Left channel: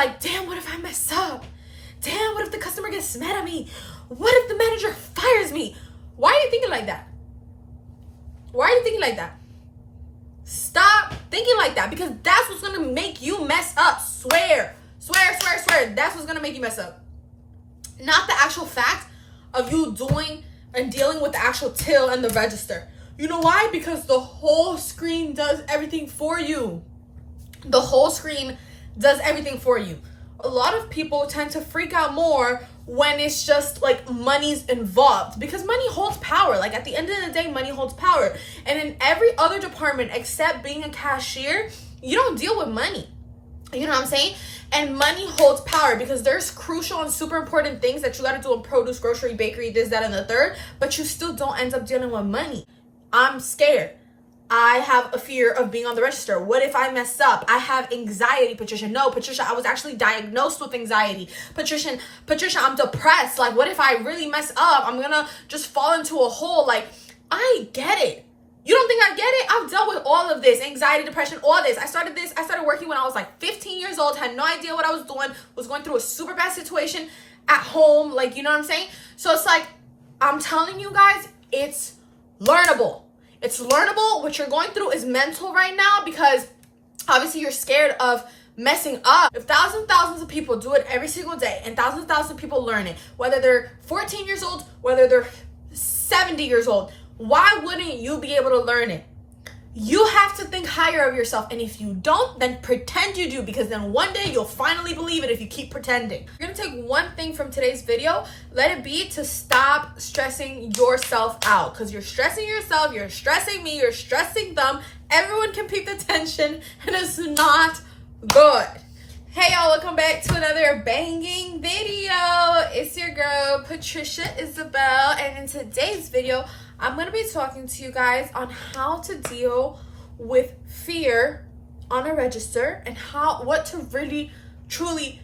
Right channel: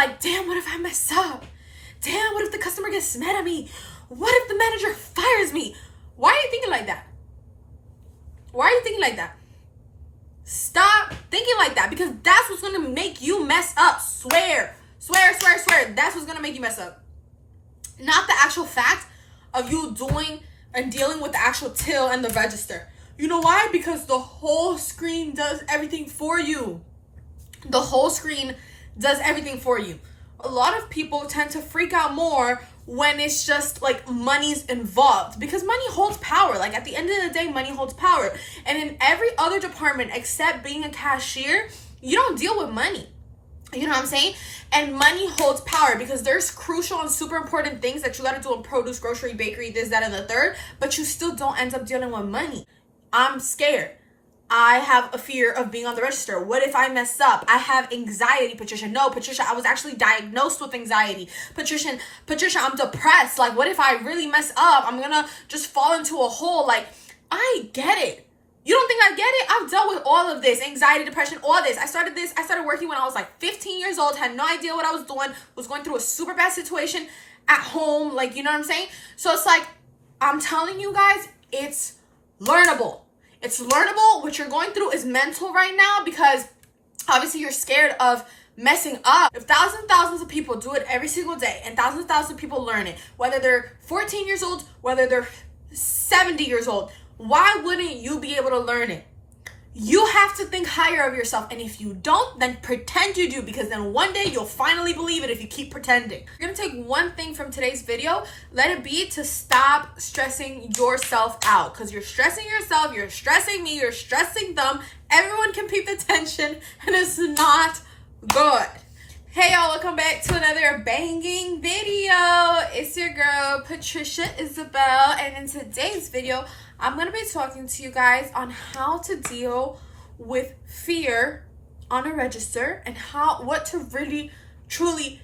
like, damn, what if I mess up? Damn, what if the customer gets mad at me? What if the manager fires me? Why are you thinking like that? Why are you thinking like that? Stop thinking like that, because that's what's going to make you mess up. Swear. That's what's going to make you mess up. Not the actual fact of you doing and dealing with the actual till and the register. You know why? Because the whole screen does everything for you. The whole screen does everything for you. A lot of people tend to freak out more when it's just like money's involved, because money holds power. Like at the end of the day, money holds power. And in every other department except being a cashier, you don't deal with money. You know what I'm saying? And money holds power, because there's crucial and super important things that you got to do in produce, grocery, bakery, this, that, and the third, but you still don't end up dealing with money. I'm scared. I have a fear of being on the register. What if I mess up? I have anxiety, Patricia. No, Patricia, I was actually diagnosed with anxiety. Patricia, I'm depressed. Like, what if I really mess up? I'm gonna just fall into a hole. Like, I get it. You don't think I get it? I've dealt with all of this, anxiety, depression, all this. I started working when I was like 15 years old, had no idea what I was doing, was going through a super bad situation at home. Like, you know what I'm saying? So it's like, I'm telling you guys, it's learnable. It's learnable. What you're going through is mental right now, because obviously you're scared of messing up. If thousands of people do it every single day, and thousands of people learn it, whether they're 14 years old, whether they're 70 years old, why wouldn't you be able to learn it? You have to think higher of yourself. And if you don't, then pretend you do, because then one day you'll finally believe it if you keep pretending. You're gonna take one thing from today's video. Let it be to stop stressing yourself out, because you're stressing yourself, you're stressing me, you're stressing them. Everyone can peep the tension, and it's not good. Hey y'all, welcome back to another banging video. It's your girl, Patricia Isabelle, and in today's video, I'm going to be talking to you guys on how to deal with fear on a register, and what to really truly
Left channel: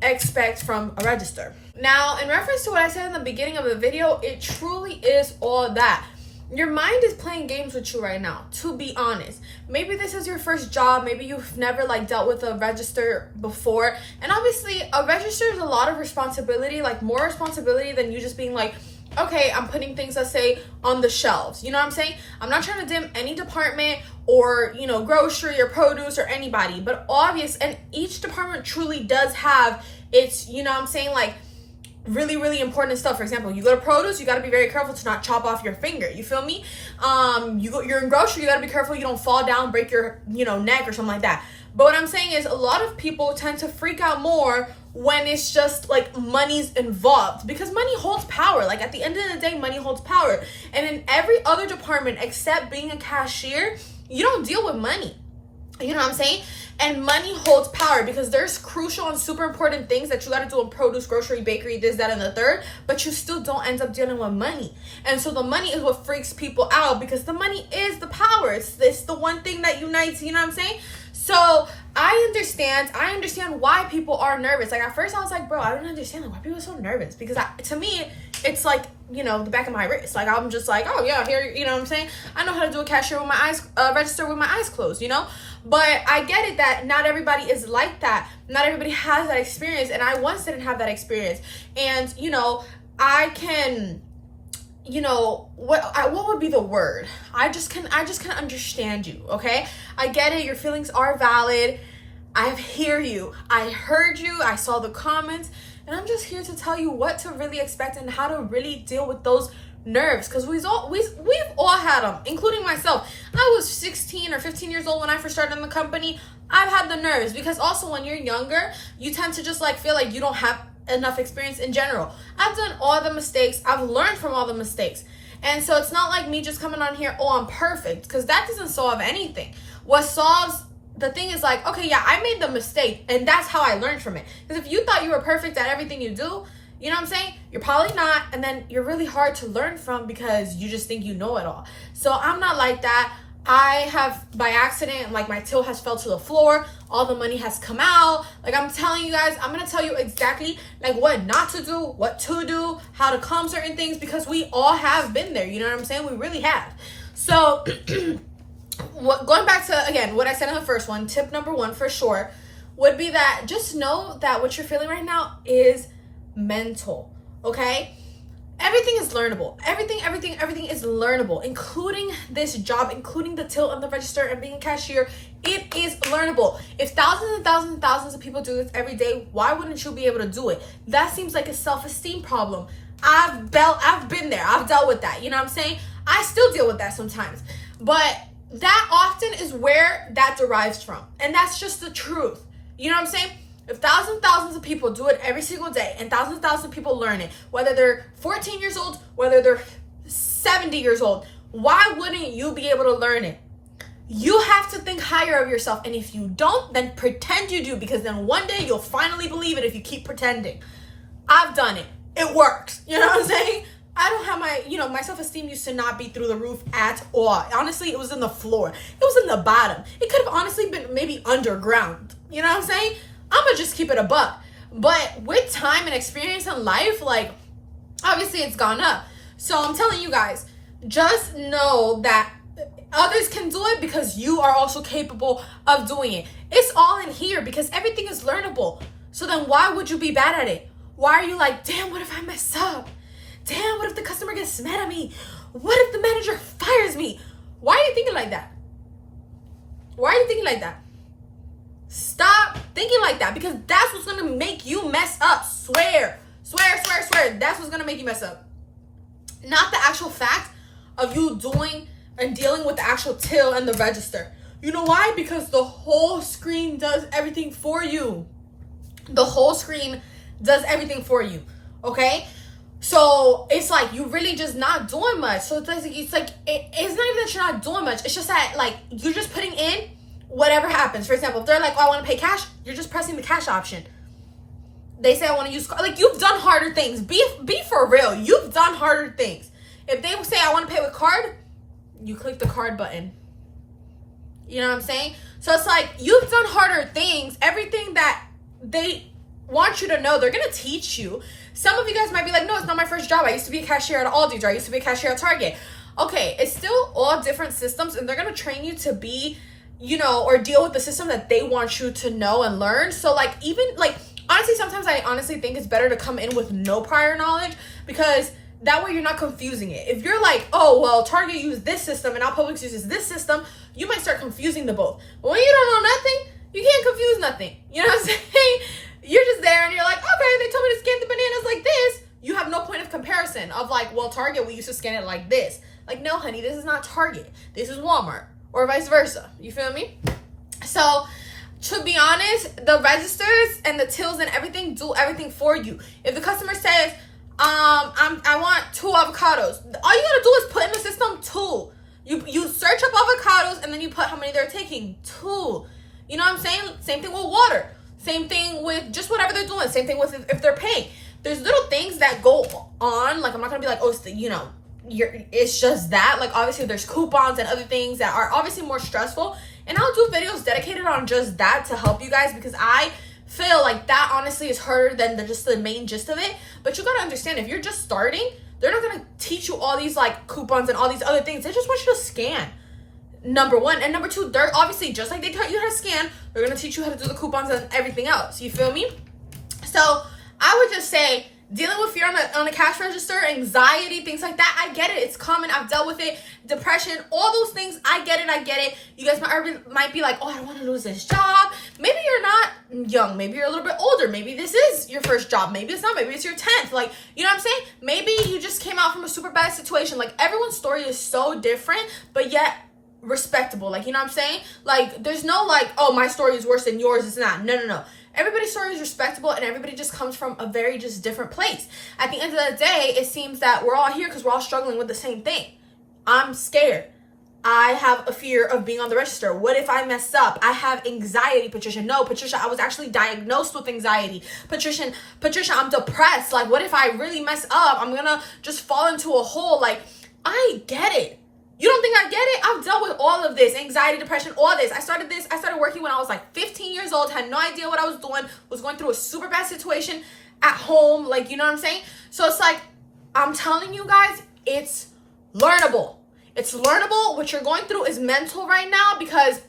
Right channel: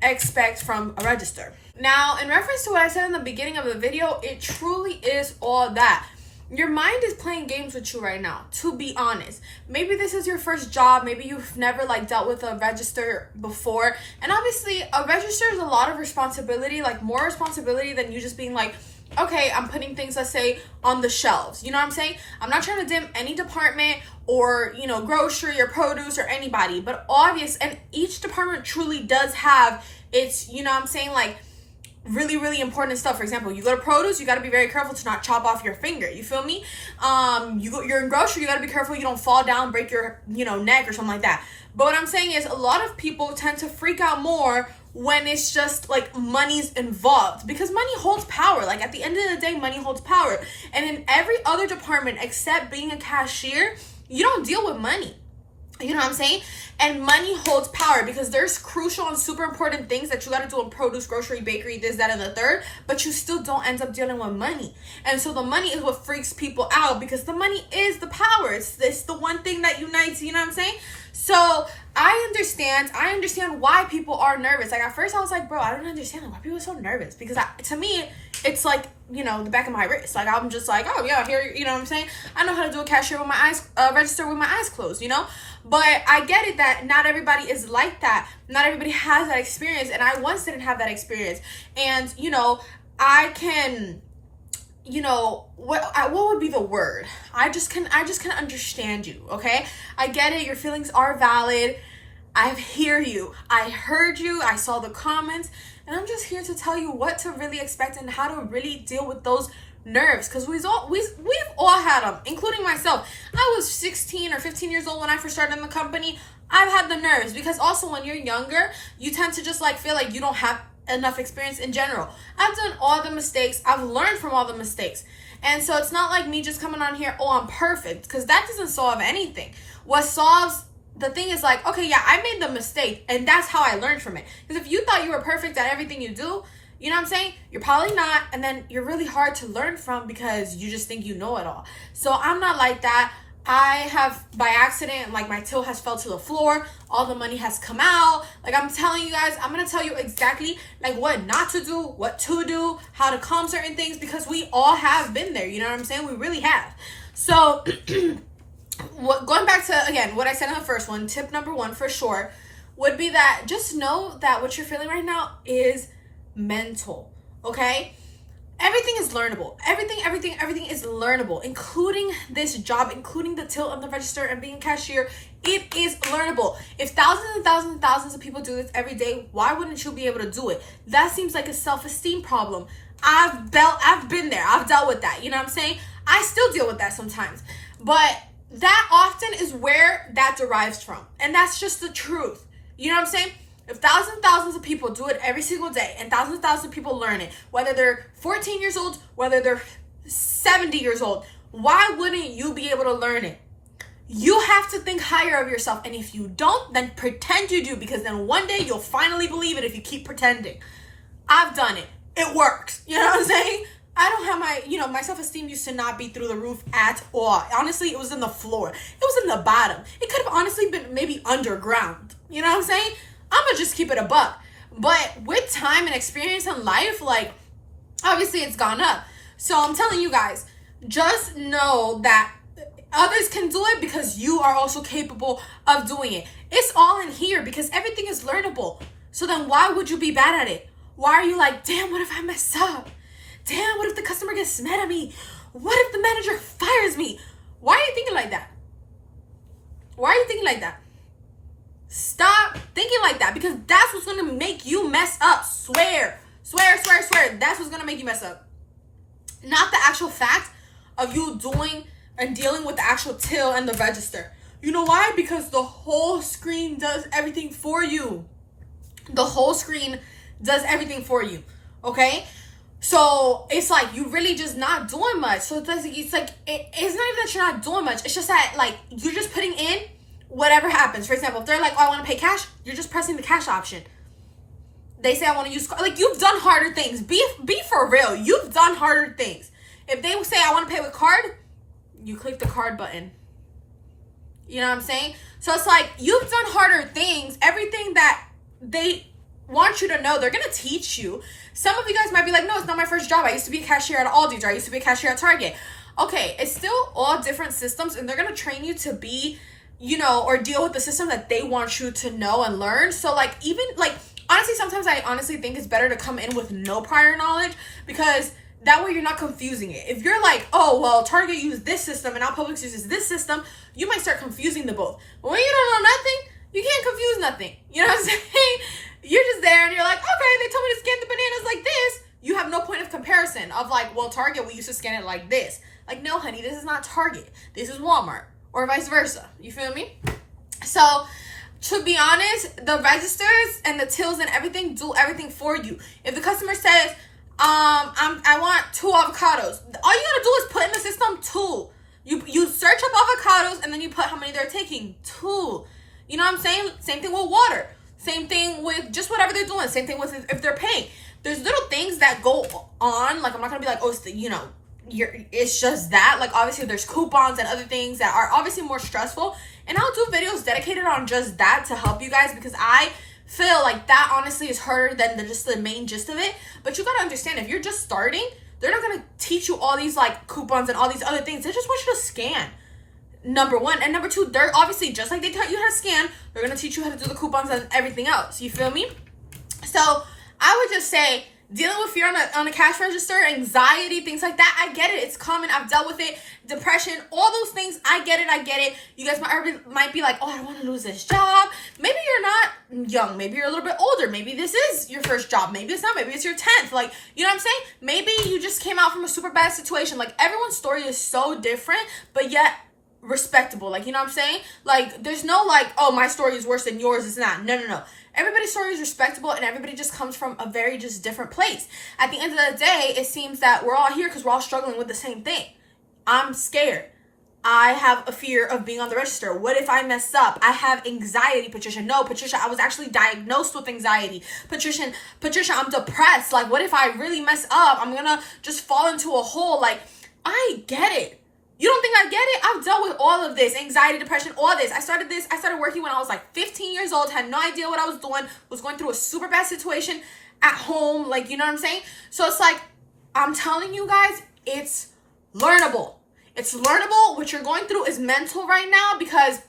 expect from a register. Now, in reference to what I said in the beginning of the video, it truly is all that. Your mind is playing games with you right now, to be honest. Maybe this is your first job. Maybe you've never dealt with a register before. And obviously, a register is a lot of responsibility, more responsibility than you just being like, okay, I'm putting things, let's say, on the shelves. You know what I'm saying? I'm not trying to dim any department or, grocery or produce or anybody. But and each department truly does have its, really, really important stuff. For example, you go to produce, you got to be very careful to not chop off your finger. You feel me? You're in grocery, you got to be careful you don't fall down, break your, neck or something like that. But what I'm saying is, a lot of people tend to freak out more when it's just money's involved, because money holds power. At the end of the day, money holds power. And in every other department except being a cashier, you don't deal with money. You know what I'm saying? And money holds power, because there's crucial and super important things that you got to do in produce, grocery, bakery, this, that, and the third, but you still don't end up dealing with money. And so the money is what freaks people out, because the money is the power. It's the one thing that unites, you know what I'm saying? So I understand why people are nervous. At first I was like, bro, I don't understand why people are so nervous, because to me, it's the back of my wrist. I'm just like, oh yeah, here, you know what I'm saying? I know how to do a cashier with my eyes, register with my eyes closed, But I get it that not everybody is like that. Not everybody has that experience, and I once didn't have that experience. And, I can, what would be the word? I just can understand you, okay? I get it. Your feelings are valid. I hear you. I heard you. I saw the comments, and I'm just here to tell you what to really expect and how to really deal with those nerves, because we've all had them, including myself. I was 16 or 15 years old when I first started in the company. I've had the nerves, because also when you're younger, you tend to just feel like you don't have enough experience in general. I've done all the mistakes. I've learned from all the mistakes. And so it's not like me just coming on here, oh, I'm perfect, because that doesn't solve anything. What solves the thing is okay, yeah, I made the mistake, and that's how I learned from it. Because if you thought you were perfect at everything you do, you know what I'm saying? You're probably not, and then you're really hard to learn from, because you just think you know it all. So I'm not like that. I have, by accident, my till has fell to the floor. All the money has come out. I'm telling you guys, I'm going to tell you exactly, what not to do, what to do, how to calm certain things, because we all have been there. You know what I'm saying? We really have. So, going back to, again, what I said in the first one, tip number one, for sure, would be that just know that what you're feeling right now is mental, okay? Everything is learnable. Everything is learnable, including this job, including the till of the register and being a cashier. It is learnable. If thousands and thousands and thousands of people do this every day, why wouldn't you be able to do it? That seems like a self-esteem problem. I've been there. I've dealt with that. You know what I'm saying? I still deal with that sometimes. But that often is where that derives from. And that's just the truth. You know what I'm saying? If thousands and thousands of people do it every single day and thousands and thousands of people learn it, whether they're 14 years old, whether they're 70 years old, why wouldn't you be able to learn it? You have to think higher of yourself. And if you don't, then pretend you do, because then one day you'll finally believe it if you keep pretending. I've done it. It works. You know what I'm saying? I don't have my self-esteem used to not be through the roof at all. Honestly, it was in the floor. It was in the bottom. It could have honestly been maybe underground. You know what I'm saying? I'm gonna just keep it a buck. But with time and experience in life, like, obviously it's gone up. So I'm telling you guys, just know that others can do it because you are also capable of doing it. It's all in here because everything is learnable. So then why would you be bad at it? Why are you like, damn, what if I mess up? Damn, what if the customer gets mad at me? What if the manager fires me? Why are you thinking like that? Why are you thinking like that? Stop thinking like that, because that's what's going to make you mess up. Swear. That's what's going to make you mess up. Not the actual fact of you doing and dealing with the actual till and the register. You know why? Because the whole screen does everything for you. The whole screen does everything for you. Okay? So it's like you really just not doing much. So it's not even that you're not doing much. It's just that, like, you're just putting in whatever happens. For example, if they're like, oh, I want to pay cash, you're just pressing the cash option. They say I want to use, like, you've done harder things. Be for real. You've done harder things. If they say I want to pay with card, you click the card button. You know what I'm saying? So it's like you've done harder things. Everything that they want you to know, they're going to teach you. Some of you guys might be like, no, it's not my first job. I used to be a cashier at Aldi's, or I used to be a cashier at Target. Okay, it's still all different systems, and they're going to train you to be, you know, or deal with the system that they want you to know and learn. So, like, even, like, honestly, sometimes I honestly think it's better to come in with no prior knowledge, because that way you're not confusing it. If you're like, oh, well, Target used this system and now Publix uses this system, you might start confusing the both. But when you don't know nothing, you can't confuse nothing. You know what I'm saying? You're just there and you're like, okay, they told me to scan the bananas like this. You have no point of comparison of like, well, Target, we used to scan it like this. Like, no, honey, this is not Target. This is Walmart, or vice versa. You feel me? So, to be honest, the registers and the tills and everything do everything for you. If the customer says, I want 2 avocados, all you gotta do is put in the system 2. You search up avocados and then you put how many they're taking. 2. You know what I'm saying? Same thing with water. Same thing with just whatever they're doing. Same thing with if they're paying. There's little things that go on. Like, I'm not gonna be like, oh, it's just that. Like, obviously there's coupons and other things that are obviously more stressful. And I'll do videos dedicated on just that to help you guys, because I feel like that honestly is harder than just the main gist of it. But you gotta understand, if you're just starting, they're not gonna teach you all these like coupons and all these other things. They just want you to scan. Number 1. And number 2, they're obviously, just like they taught you how to scan, they're gonna teach you how to do the coupons and everything else. You feel me? So I would just say, dealing with fear on the cash register, anxiety, things like that, I get it. It's common. I've dealt with it. Depression, all those things, I get it. You guys might be like, oh, I don't want to lose this job. Maybe you're not young. Maybe you're a little bit older. Maybe this is your first job. Maybe it's not. Maybe it's your 10th. Like, you know what I'm saying? Maybe you just came out from a super bad situation. Like, everyone's story is so different, but yet respectable. Like, you know what I'm saying? Like, there's no like, oh, my story is worse than yours. It's not. No. Everybody's story is respectable, and everybody just comes from a very just different place. At the end of the day, it seems that we're all here because we're all struggling with the same thing. I'm scared. I have a fear of being on the register. What if I mess up? I have anxiety, Patricia. No, Patricia, I was actually diagnosed with anxiety. Patricia, I'm depressed. Like, what if I really mess up? I'm gonna just fall into a hole. Like, I get it. You don't think I get it? I've dealt with all of this, anxiety, depression, all this. I started working when I was like 15 years old, had no idea what I was doing, was going through a super bad situation at home. Like, you know what I'm saying? So it's like, I'm telling you guys, it's learnable. It's learnable. What you're going through is mental right now, because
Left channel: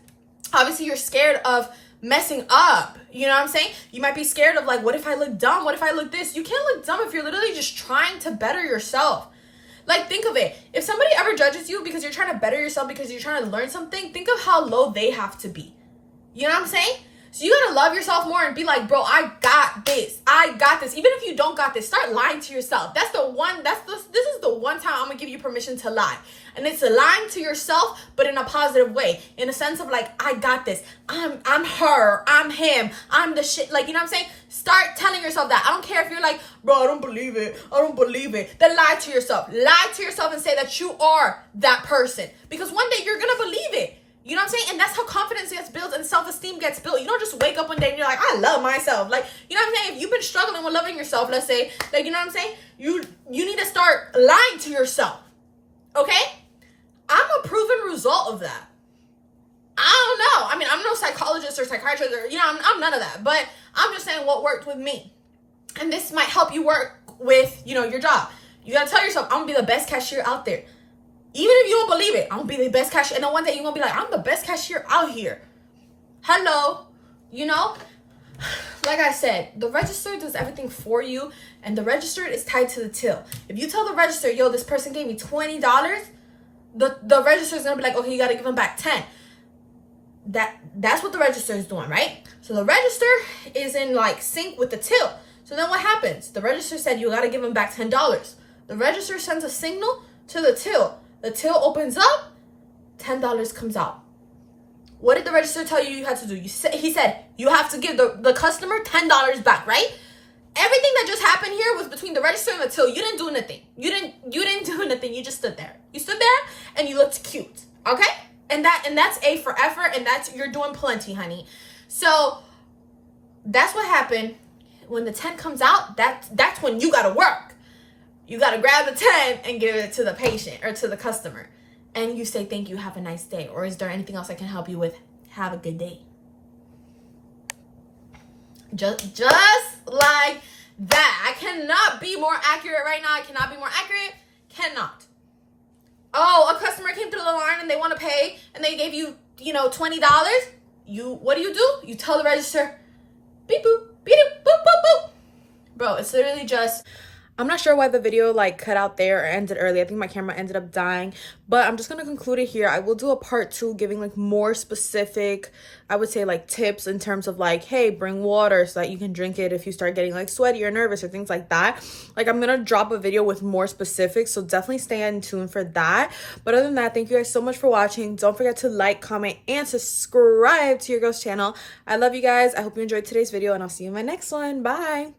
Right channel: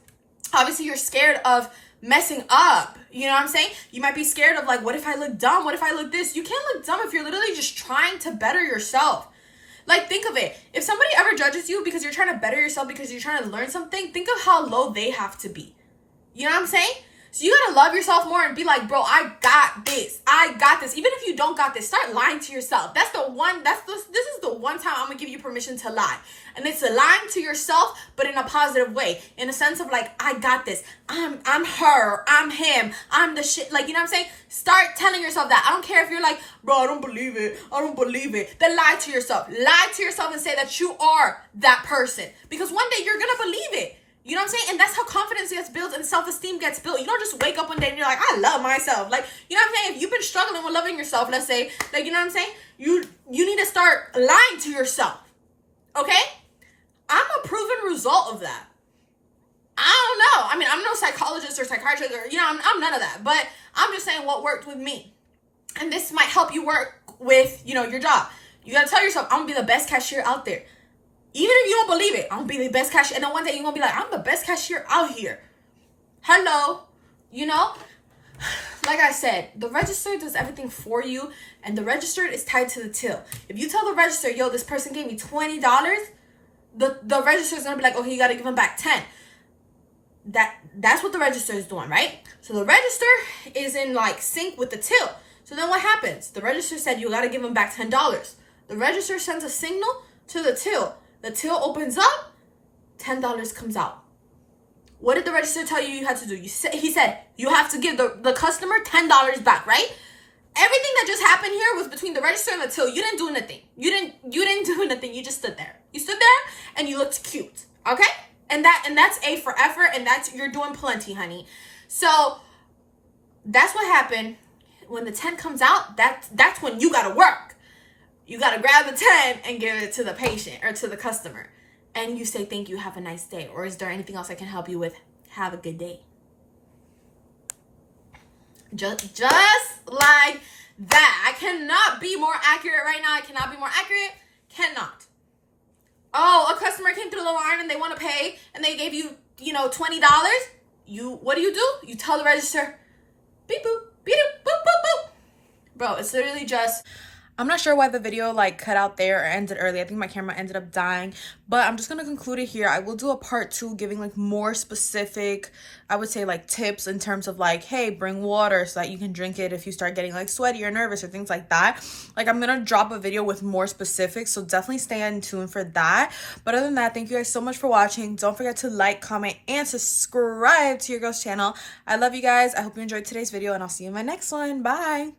obviously you're scared of messing up. You know what I'm saying? You might be scared of like, what if I look dumb? What if I look this? You can't look dumb if you're literally just trying to better yourself. Like, think of it. If somebody ever judges you because you're trying to better yourself, because you're trying to learn something, think of how low they have to be. You know what I'm saying? So you gotta love yourself more and be like, bro, I got this. I got this. Even if you don't got this, start lying to yourself. This is the one time I'm gonna give you permission to lie. And it's lying to yourself, but in a positive way. In a sense of like, I got this. I'm her. I'm him. I'm the shit. Like, you know what I'm saying? Start telling yourself that. I don't care if you're like, bro, I don't believe it. I don't believe it. Then lie to yourself. Lie to yourself and say that you are that person. Because one day you're gonna believe it. You know what I'm saying? And that's how confidence gets built and self-esteem gets built. You don't just wake up one day and you're like, I love myself. Like, you know what I'm saying? If you've been struggling with loving yourself, let's say, like, you know what I'm saying? You need to start lying to yourself. Okay? I'm a proven result of that. I don't know. I mean, I'm no psychologist or psychiatrist or, you know, I'm none of that. But I'm just saying what worked with me. And this might help you work with, you know, your job. You got to tell yourself, I'm going to be the best cashier out there. Even if you don't believe it, I'm going to be the best cashier. And then one day you're going to be like, I'm the best cashier out here. Hello. You know? Like I said, the register does everything for you. And the register is tied to the till. If you tell the register, yo, this person gave me $20, the register is going to be like, okay, you got to give them back 10. That's what the register is doing, right? So the register is in like sync with the till. So then what happens? The register said you got to give them back $10. The register sends a signal to the till. The till opens up, $10 comes out. What did the register tell you had to do? He said you have to give the customer $10 back, right? Everything that just happened here was between the register and the till. You didn't do anything. You didn't do anything. You just stood there. You stood there and you looked cute, okay? And that's A for effort, and you're doing plenty, honey. So that's what happened. When the 10 comes out, that's when you gotta work. You got to grab the 10 and give it to the patient or to the customer. And you say, thank you, have a nice day. Or is there anything else I can help you with? Have a good day. Just like that. I cannot be more accurate right now. I cannot be more accurate. Cannot. Oh, a customer came through the line and they want to pay and they gave you, $20. What do? You tell the register, beep boop, beep boop, boop, boop, boop. Bro, it's literally just... I'm not sure why the video cut out there or ended early. I think my camera ended up dying, but I'm just going to conclude it here. I will do a part 2 giving more specific, I would say tips in terms of hey, bring water so that you can drink it if you start getting sweaty or nervous or things like that. I'm going to drop a video with more specifics, so definitely stay in tune for that. But other than that, thank you guys so much for watching. Don't forget to like, comment, and subscribe to your girl's channel. I love you guys. I hope you enjoyed today's video, and I'll see you in my next one. Bye.